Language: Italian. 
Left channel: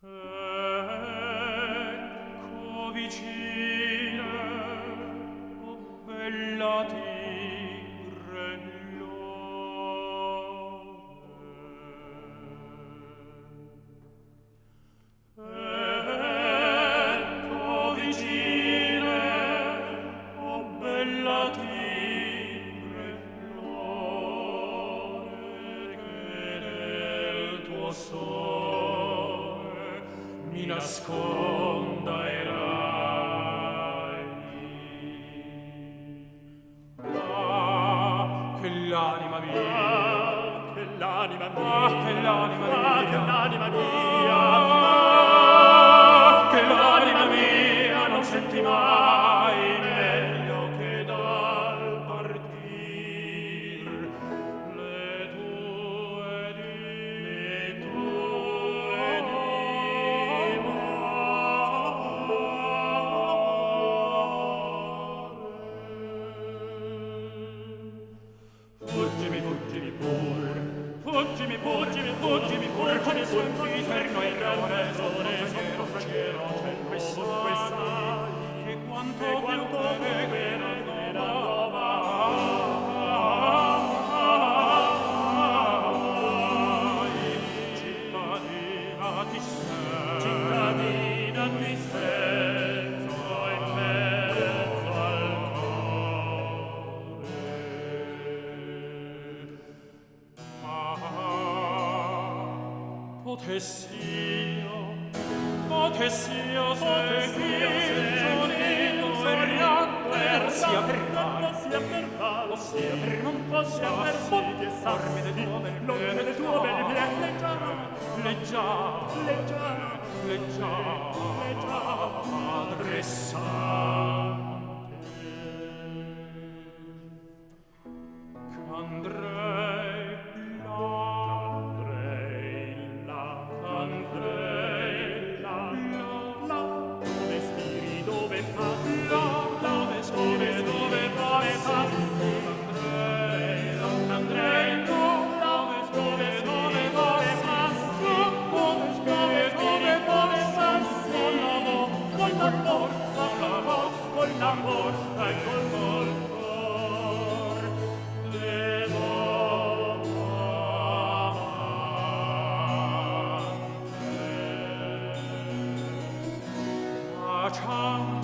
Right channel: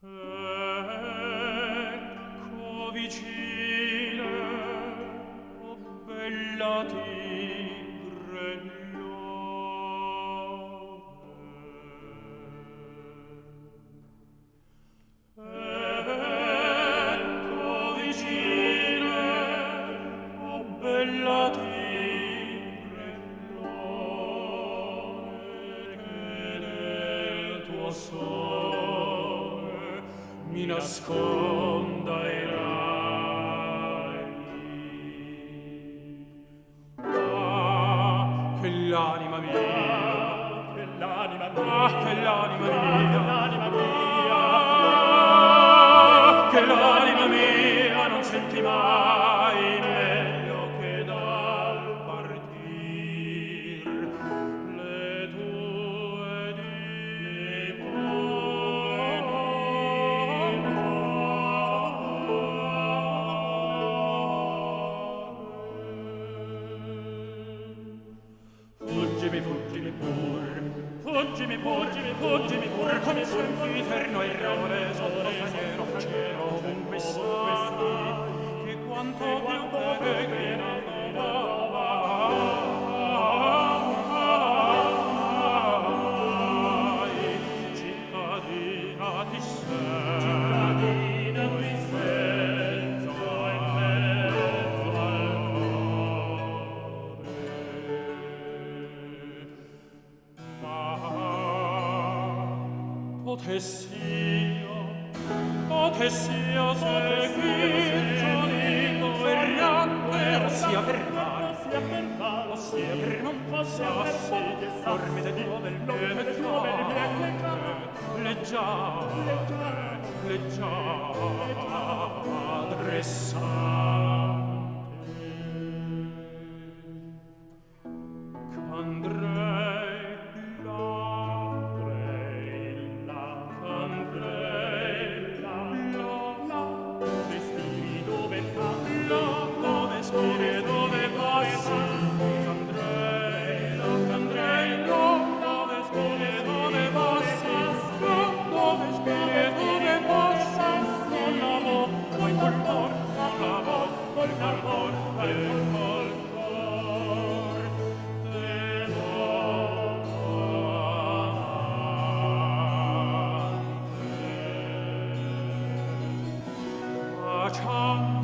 Ecco vicina, o bella tigre ecco vicina, o bella tigre che nel tuo sole mi nasconda i ragni. Ah, che l'anima mia, che l'anima mia, che l'anima mia, che l'anima mia non senti mai meglio che dal partir le tue fuggimi, fuggimi pur, fuggimi, fuggimi, fuggimi pur, come sul inferno e reso del cielo ovunque sia, che quanto più che ne cittadina ti sei, cittadina ti senza in mezzo al potess'io seguir con ferrante sia per tal sia per non possa sì che farmi del tuo bel piede leggiadre sante andrei là, dove spiri, dove spiri, dove passi, andrei là, dove spiri, dove passi, dove spiri, dove passi, col cor, col cor, ciao